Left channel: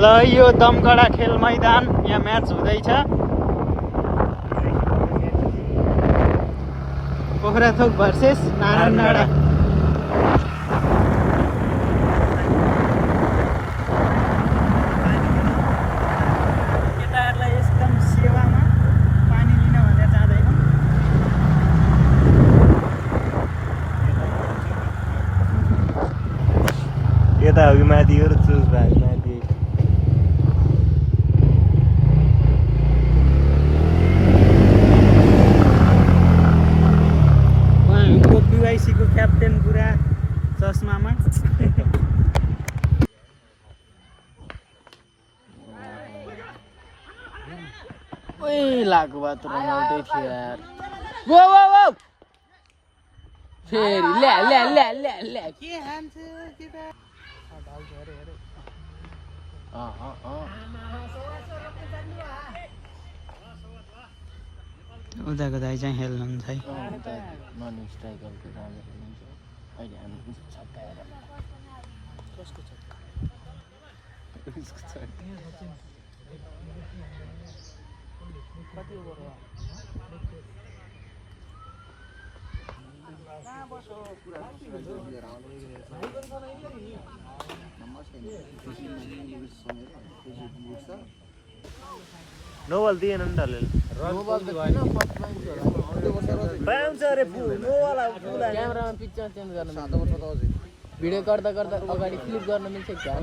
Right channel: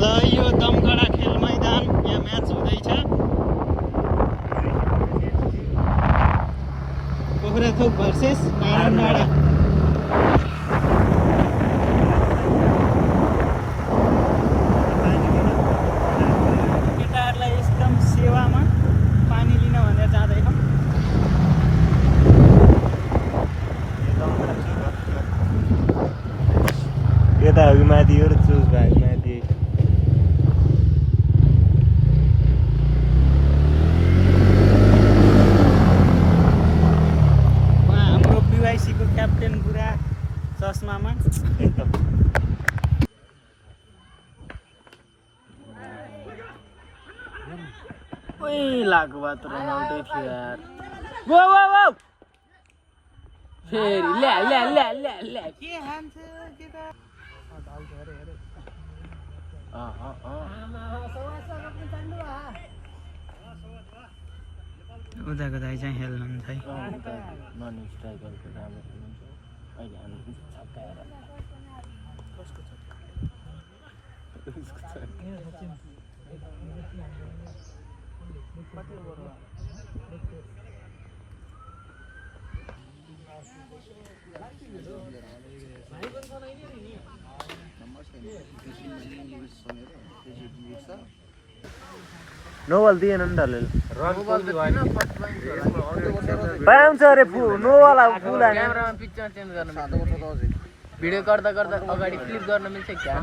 ल यो दमकडा खेल मैदान यहाँ म्याच हुँदैछ पोखराथोक भर्सेस नारायण डाँडा केटाहरूलाई एकदम सेवामा पानी लिन भनेर जाँदैन यता अघि माथि हो र चुज भाइ माथि हाम्रो बिवाइसीको क्याप्टेन पुरा चस्मामा ओइ लागु बात रमाउँदै थियो यार गो गो गो फेरि ल्या ल्या ल्या ल्या ल्या के हान्छ केटा उदाको दाइ चाहिँ खेल्नुहुन्छ है नोवाल दिएन नि त पाउँछ अरे नोवाला फुल क्यामेरामा पिक्चर चेन्ज गर्न मिल्छ भिडियो गर्दा गर्दा अगाडि क्लिक गर्न मिल्छ क्या